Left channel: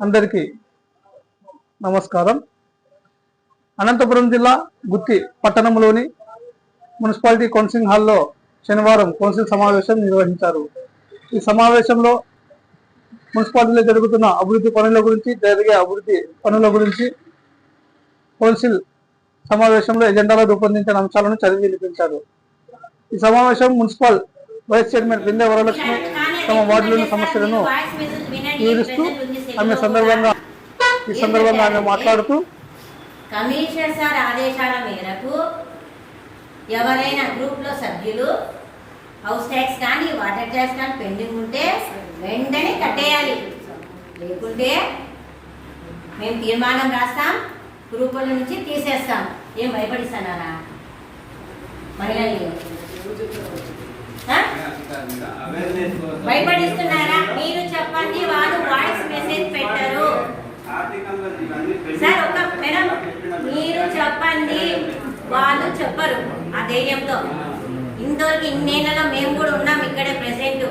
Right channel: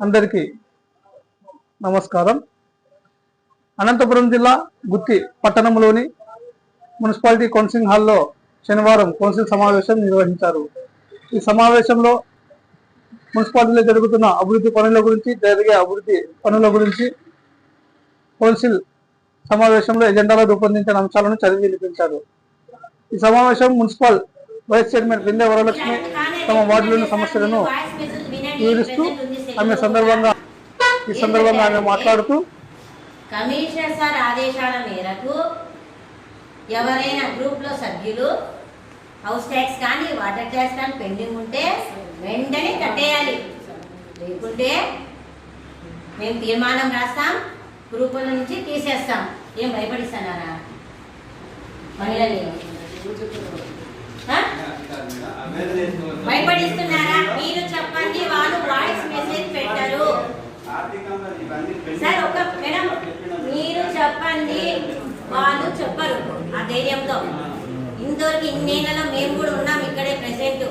అందరికీ నమస్కారం. అనంతపురం జిల్లా గుత్తి పట్టణంలోని మున్సిపాలిటీ కౌన్సిలింగ్ హాల్లో శనివారం కౌన్సిల్ సమావేశం నిర్వహించారు. ఈ సమావేశంలో మున్సిపాలిటీలో జరుగుతున్న అభివృద్ధి పనుల గురించి జరిగే అభివృద్ధి పనుల గురించి కౌన్సిల్ సమావేశంలో ఎజెండాలో రూపొందించిన అంశాలను చదివి వినిపించారు. ఈ సమావేశం మున్సిపల్ వైస్ చైర్మన్ బిందె వరలక్ష్మి తమ వార్డులోని సమస్యలను వివరిస్తూ ఆమె సందర్భంగా ఈ సందర్భంగా ఆమె మాట్లాడుతూ కమిషనర్ సార్ ఆదేశాల మేరకు ఎవరైనా గ్రూప్లో సభ్యులు హౌస్ ట్యాక్స్ కానీ వాటర్ ట్యాక్స్ కానీ పెండింగ్ ఉంటే వెంటనే కట్టేయాలి. లేకుంటే మేము తీర్మానం రాస్తాం గ్రూపుల నుంచి తీసేస్తాం. ఏం భయపడిస్తున్నారా? మహిళలు. భయపడిస్తున్నారా? మీరు చెప్పండి వాళ్ళు వాయిస్ మెసేజ్ పెట్టరు. సార్ ఒక మేడం మీరు చెప్పండి వాళ్ళు చెప్పరు ఆ ధైర్యంతో. ఇంతవరకు ఇన్నేళ్ళలో మేము కూడా ఉన్నాం ఇక్కడే ప్రెసెంట్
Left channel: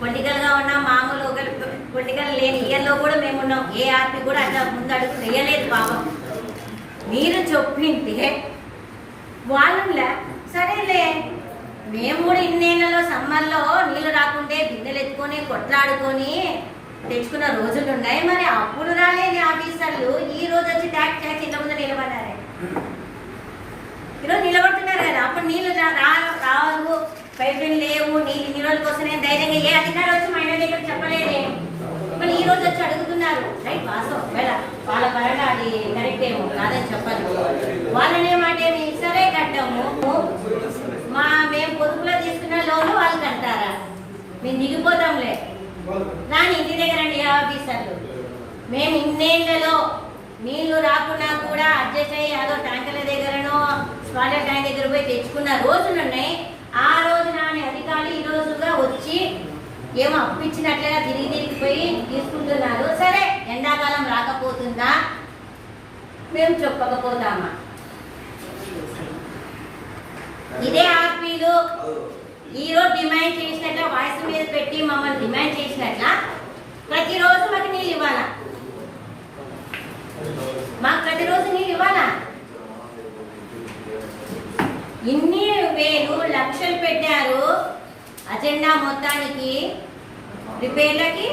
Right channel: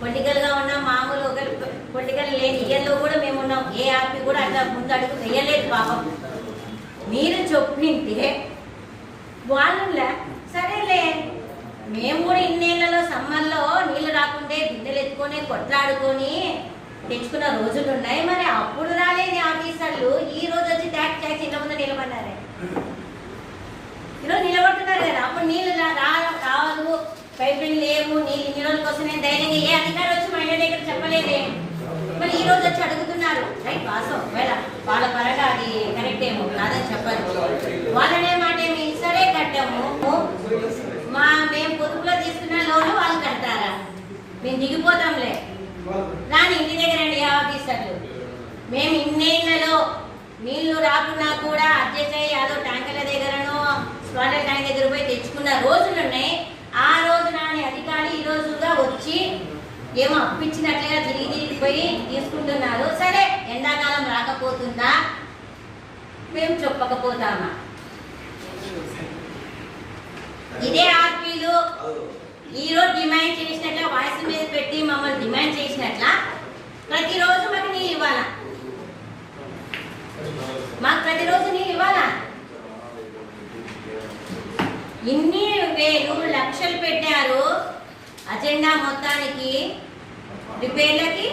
పొలిటికల్గా ఉన్నాం మామూలు ఒక పొలిటికల్ లేని ఇయర్లో కూడా మేము ఉన్నాం. ఏ ఆర్పీ కూడా అట్లా ముందు అడుగు వేయలేదు పాపం. మీరు చెప్పింటే వాళ్ళు లే సరేలే మేము కూడా ఇన్నేళ్ళలో సమ్మర్లో నీళ్ళు రాకుంటే బిందెలు ఎత్తుకొని కొట్లాడుకొని తెచ్చుకున్న రోజులు ఉన్నాయి. మరి అప్పుడు రాలేని ఆఫీసర్లు ఈ రోజు వచ్చి ట్యాక్స్ ట్యాక్స్ ఇంత ముందు నిలబడ్డారే. ఈరోజు నిలబడుతున్నారు కదా అప్పుడు నీళ్ళు రా- రావు. పైప్ లేవు నీళ్ళు నీళ్ళకి వస్తున్నాయి ధైర్యంగా ఏ అధికారం వచ్చి మా మహిళ దగ్గర చెప్పలేదే. మరి ఈ రోజు వచ్చి అడుగుతున్నారు రైట్ వాస్తవం వేళ వాళ్ళ పరంగా అది కరెక్ట్ ఏమో కాదని చెప్పదు. వాళ్ళనే మాట ఏమి సరే కట్టాము. మా మేము పొదుపులో తీసుకున్న లోన్లు వాళ్ళు కడతారా? మేము దిగిపోతాంలే. రాని ఇంటి దగ్గర అండి ఆఫీసర్లు. మేము ఇన్నేళ్ళలో నీళ్ళు రాకున్నా కూడా అడ్జస్ట్ అయ్యి అదో ట్యాంకర్ల దగ్గరనో స్పాలర్ ట్యాంక్ దగ్గర పోయి తెచ్చుకున్న రోజులు ఉన్నాయి ఆ రోజు నాని అధికారులు ఈ రోజుగా వచ్చి ఏమో అప్పించినట్లుగా తిరిగి తిరిగిపోయి తీసుకుంటున్నారు. సరే ఎండాకాలం రాకపోతుందా? మేము చెప్పకపోతామా? ఇదే ఆర్పీలు ఈరోజు డిమాండ్ చేసినట్ల వాయిస్ మీద పెట్టి మమ్మల్ని డిమాండ్ చేసినట్ల ప్రతిరోజు మాకు నీళ్ళు ఇవ్వాలా? మాకు ప్రతిరోజు నీళ్ళు ఇవ్వాలా? ఇన్ని వేలు లక్షలు పెట్టారు అజెండా మొత్తానికి రిపేర్లకి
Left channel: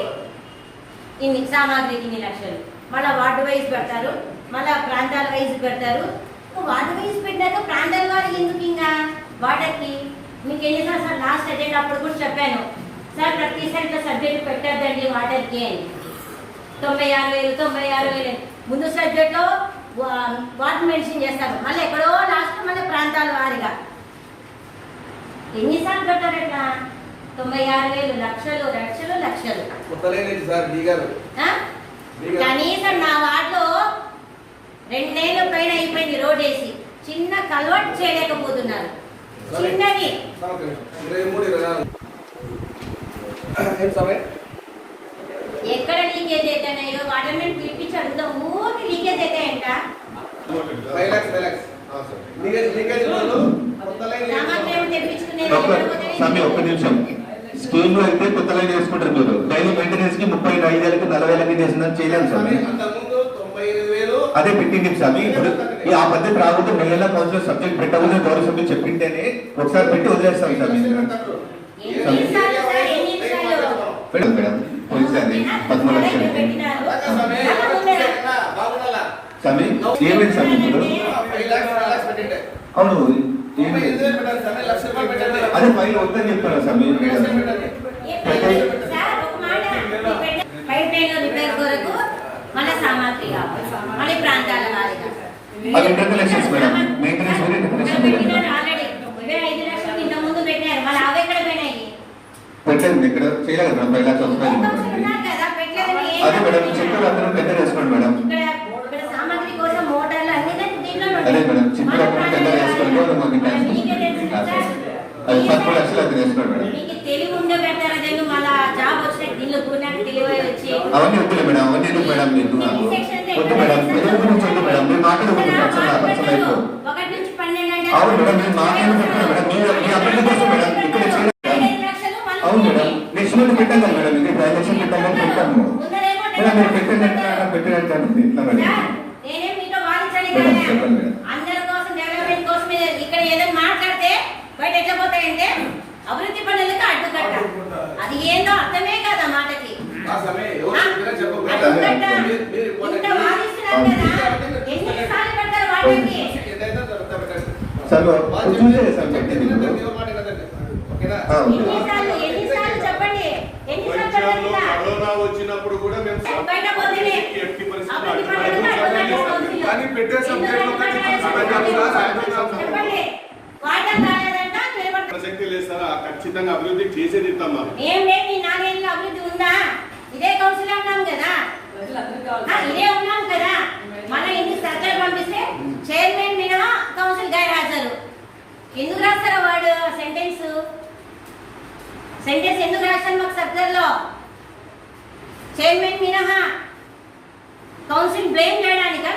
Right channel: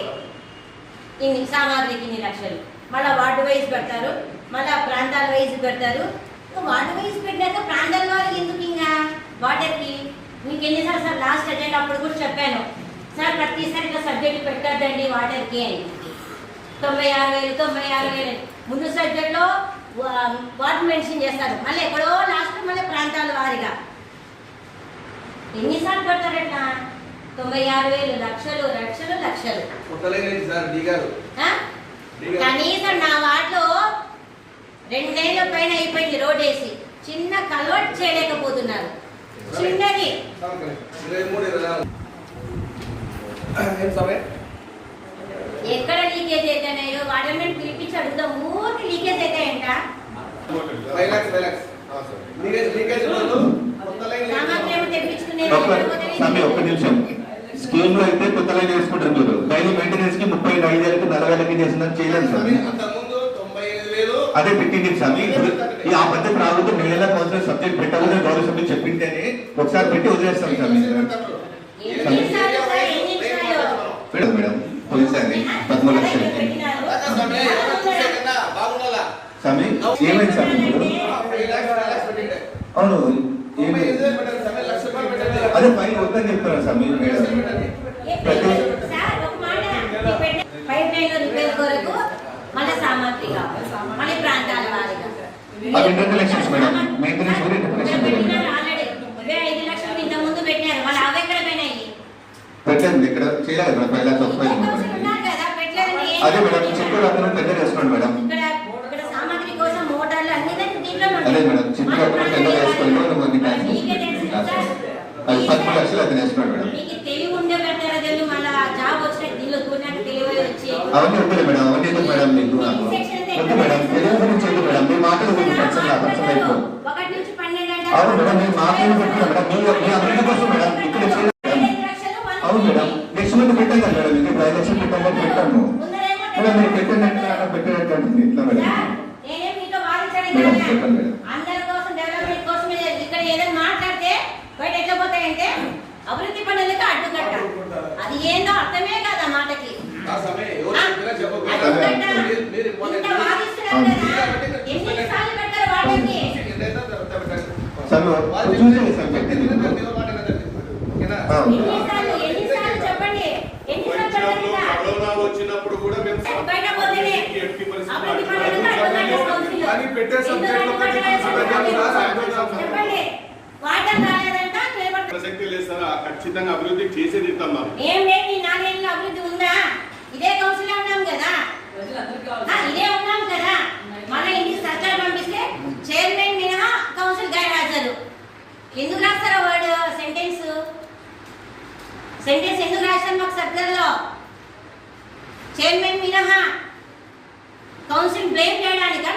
ఇన్ని సామాగ్రికి ఇన్ని లక్షలు. మళ్ళీ వార్డు వైజ్ పెడతారు మళ్ళీ ప్రాంతాల వైజ్ పెడతారు. వార్డు వైజ్ పెట్టాక ప్రాంతాల వారికి ఎందుకు ఇంకా వాటర్కి మీకు ఎన్నిసార్లు సార్ లాస్ట్ అజెండా అప్పుడు కూడా చెప్పాను సార్ ప్రతిసారి ఇట్లా సబ్జెక్టు పెట్టద్దండి వాటర్కి అని తొంభై ఆరు వేలు తొంభై ఆరు వేలు ముందు సబ్జెక్ట్లో వార్డు మెన్షన్ చేస్తారు మళ్ళీ ఎక్కడో లాస్ట్ మళ్ళీ ప్రాంతాల వారిగా ఎన్నిసార్లు ఎట్లా తొంభై ఆరు వేలు లక్షలు లక్షలు లక్షలు? కనీసం నా వార్డులో రెండేళ్ళ పైన అయిపోయింది రోడ్ వేసి చిన్న కల్వర్ట్ చేయలేకపోతున్నారు. చిన్నది. ఎక్కడ లీకేజ్ అయితే నేను వాటర్ మేము పిలిపించి అడుగుతాం ఊరికి లీకేజ్ అయితే ఏంట నిమిషం. స్కీమ్లో అయితే కొత్త లైన్ వేసుకుంటారు మీరు. డైలీ మెయింటెనెన్స్కి ముప్పై ఐదు వేలకు నలభై లక్షలు చేసిందని చేయలేదు స్వామి అదే పెట్టింది స్వామి ఇప్పుడు ఈ ఆ పద్ధతి రాకుండా నెల కౌన్సిలర్ సబ్జెక్ట్ పెట్టకూడదు గౌరవ సభ్యులు చెప్పింటేనే ఒకసారి పెట్టి వదిలేస్తాం స్వామి మేడం. పదమూడు లక్షలు ఏమైంది ఇప్పుడు? అవును ఏమైంది? అదే పైన ఒక్కని చెప్తారా స్వామి మేడం పెట్టండి సార్ ఒక మాట పైప్ లైన్ రిపేర్ కొరకు మళ్ళీ సామాగ్రి కావాలి మళ్ళీ ప్రాంతాల వారిగా పన్నెండు లక్షలు మేడం మెయింటెనెన్స్ కూడా ఇంకొక ఇక్కడ లక్ష పెట్టినారు ఆల్రెడీ ఇవే ఐదు లక్షలు ఇంత ముందు పెట్టినారు మళ్ళీ అవి ఎక్కడ పోయినాయి పెట్టండి ఇక్కడ చేయలేదు మేడం? కదా పెట్టలేదని ఏం అదే మేడం. చెప్పారు అందరం పెద్ద చేసుకోండి మేడం. అదే మేడం చిన్న మన పెద్ద చేసుకోండి మీకే. అది పదమూడు లక్షలు అది చేసుకోండి మేడం అవన్నీ వద్దులే మేడం అవన్నీ ఎందుకు మేడం మీకు. మేడం తెలుగు గురించి ఎందుకు మేడం మీ మాటలు గురించి అవును మేడం మీ మాటలు పెట్టిన మేడం మీ కోసం మేడం ఇక్కడ చేయలేదు ఐదు లక్షలు వాళ్ళు అవును మేడం నెక్స్ట్ మంత్ పెట్టాం కదా మేడం ఇది ఇప్పుడు ఐదు లక్షలు పెట్టాం కదా పెట్టాము మేడం మీరు పెట్టినట్టు ఎట్లా సార్, మేడం? చెప్పండి మేడం. అందరి కోసం డెవలప్మెంట్ కోసం ఇక్కడ ఏదైనా మాట్లాడితే బయట ఎట్లా పోతాయంటే అభివృద్ధి పనులకు అడ్డుకట్ట. అది ఏందో అర్థమే కాదు ఆ మాటకి. ఆ సమయం ఎవరు ఆ? చెప్పినా చెప్పకపోయినా అడ్డుకట్ట మీరు- మీరు important. ఇంత వాదిస్తున్నారు కదా ఎన్నిసార్లు పెడతారు వాటికి ఏదైనా పెట్టండి. సార్ వాళ్ళు చూసేది సార్ చెప్పిన పెట్టింది దానికి ఎవరు మాట వినదండి. ఓకేనా? ఆ. ఎన్నిసార్లు ఎన్నిసార్లు చెప్పండి ఎన్నిసార్లు వైద్యంలో చెప్పండి కరోనా వచ్చినప్పుడు కూడా మేము బయట పోతేనే ఎట్టి పరిస్థితుల్లో అభివృద్ధి అడ్డుపడము. పనులకు అడ్డుకట్ట కానీ పెట్టే సబ్జెక్టులు ఒకటి ప్రసక్తి లేదు సార్ ఖచ్చితంగా అభివృద్ధి ఇస్తాం మరి ఏం లేదు ఈ నాలుగేళ్ళ అభివృద్ధి ఉందా? ఇదే కౌన్సిల్ ఉన్నాం కదా. ఇదే ఉన్నాం కదా. మన ఇంటికి సర్కార్ పంపిస్తే చైర్మన్ మినహా కౌన్సిల్ హాజరు. ఎందుకు రాస్తారో వాడు సెంటెన్స్ సెంటెన్స్ ఎందుకు రాస్తారు మాకు సర్కార్లో? చైర్మన్ మినహా కౌన్సిల్ బ్లేమ్ చేయడానికా?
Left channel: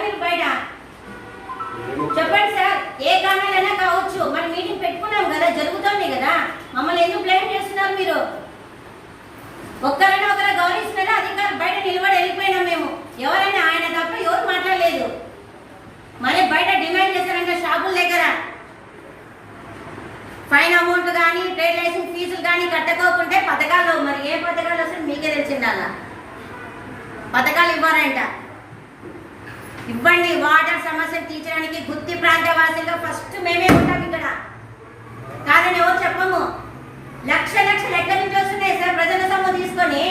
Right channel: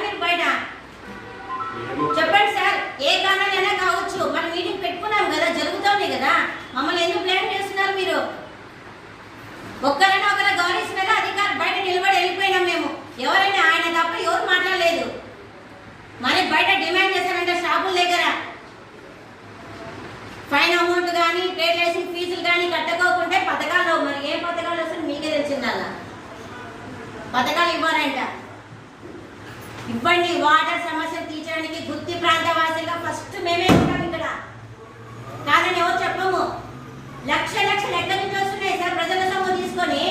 ఒక్కరైనా ఒకరు గౌరవిస్తున్నారా? అధికారులు బయట నిలబడి వెళ్ళిపోయినాం మేము. ఎవరైనా ఆయన తప్ప ఎవరు మాట్లాడలేదు. మరి బయట డిమాండ్ చేశారంటే షాపుల దగ్గర. ఫైన్ అమౌంట్ కానీ ట్రేడ్ లైసెన్స్ ఫీజులు కానీ కట్టకోకుంటే పథకాలు మరి ఏ పథకాలు వస్తే మీకే తెలిసిందల్లా పథకాలు ఇవ్వాలంట ఇవ్వండి వాటర్ సమస్యలు తీర్చడానికి గుత్తి ప్రాంత వాసులుగా ఫస్ట్ మేమే ఉంటాం ఇక్కడ. కాదని ఎవరు చెప్పము. లక్ష లక్షలు ఎక్కడి నుంచి వస్తున్నాయి సార్ ప్రజల సొమ్ము తీసుకొని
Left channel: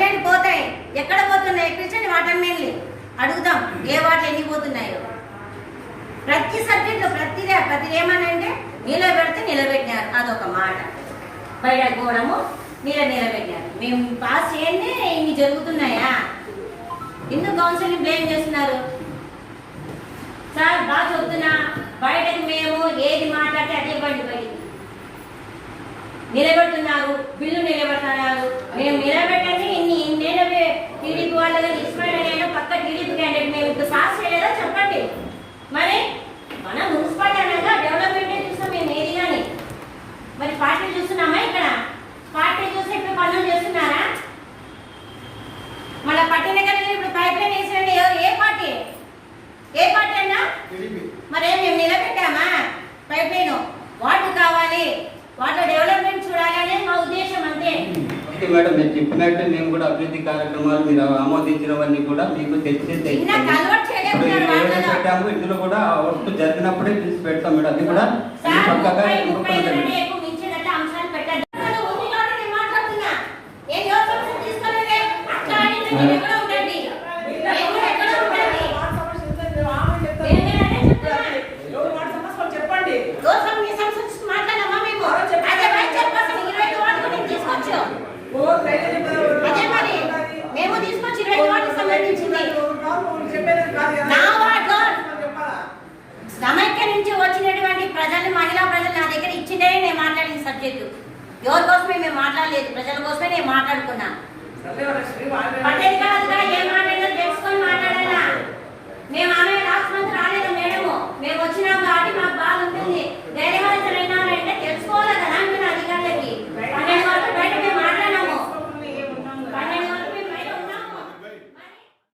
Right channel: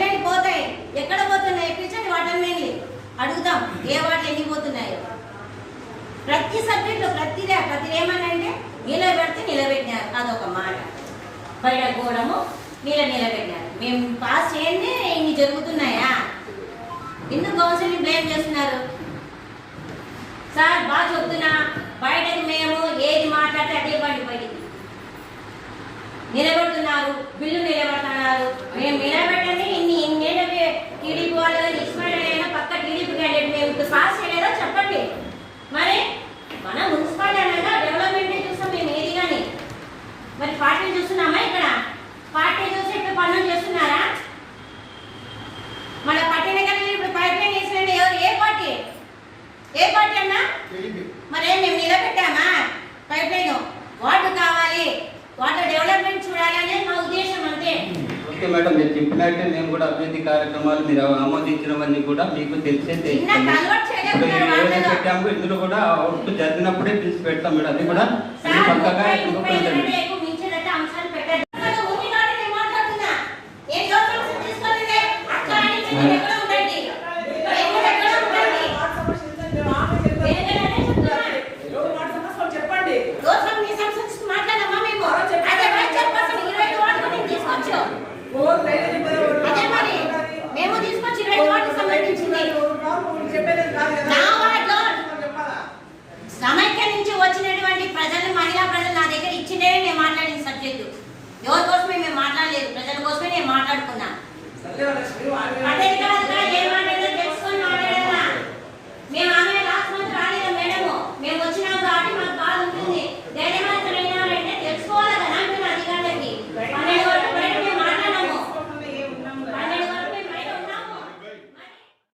పైప్ పోతాయి. ఎక్కడ పోతున్నాయి? పిలిచండి వాటర్ మెయిన్లీ. అడుగుతాం ఏ వాటర్ ఎన్ని పోతున్నాయో. ప్రతి సబ్జెక్టులో ప్రతిదే ప్రతి ఏమనంటే నిలబెడితే నిలబెట్టినారు. అదొక మాట. బయట పోవడము మీరు నిలబెట్టినారు. మేము పాస్ చేయండి ఇన్ని జరుగుతున్నాయా? ఎందుకు కౌన్సిలింగ్ బ్లేమ్ చేస్తున్నారు? సార్ బాగా చెప్తున్నా. బయటకు మేము ఏది మాట్లాడితే అదే బండి బయటికి నిలబెడుతున్నారు బిల్లు నిలబెడుతున్నారు. మేము నిలబెట్టండి టీడీపీ వాళ్ళు కానీ ఇస్మాయిల్ అయినా పక్క టీడీపీ క్యాండిడేట్ మేము ఇప్పుడు పాస్ చేయలేదా చెప్పండి. మరి మన మున్సిపాలిటీ అనేది డెవలప్మెంటే చూస్తాం మేము ఏది కానీ మరి పార్టీ చూస్తున్నామా ఇక్కడ పార్టీ చూసి ఇప్పుడు పనులు చేస్తున్నారా మన పట్టిన కానీ ఇప్పుడు పైప్ లైన్ వేసినండి ఎవరు ఏ పార్టీ ఏ పార్టీ అన్నా మరేం మేము నిలబెట్టామా పైప్ లైన్ వాటర్ కావాలి వాటర్ డెవలప్మెంట్ చూడాలి అనేది మా ఉద్దేశం అంతే ఓకే మేడం. మీరు చెప్పినట్టే మేము కూడా అభివృద్ధి కార్యక్రమాలు మీరు ఆమోదించినవన్నీ కూడా మీకు తెలిసే. పెట్టాము ఇందులో కూడా వర్క్ జరిగినప్పుడే పిలిచి పెడతాం మేడం. అది కూడా పక్కగా ముప్పై ముప్పై ఇంకొకటి కంటే ఎక్కువ మించినంత అంశాలు పెట్టండి అసలు ఉంది కాబట్టి నేను మాట్లాడుతున్నా ఏం దోషం తీసుకోలేదే అట్లా అని మీరు ఎక్కడ ఉండండి ఎక్కడ ఎక్కడ ఉండండి వేగంగానే చెప్తున్నా. దోషం మీ సంస్కృతి మాట్లాడమ్మా మేము అదే వైస్ చైర్పర్సన్ ఇరవై వాటికి మేము తీసుకోవచ్చు అదే మరి మేము తీసుకొచ్చి ఇరవై వాటికి సంబంధించింది నా వార్డులో సమైక్య నుంచి వచ్చినటువంటి ప్రజలు మహిళా ప్రజలు నా దగ్గర ఇచ్చిందే నేను మాట్లాడిన సబ్జెక్టు. ఎవరి కోసమే మేము మాట్లాడలేదు ప్రజల కోసమే నేను మాట్లాడుకున్నా.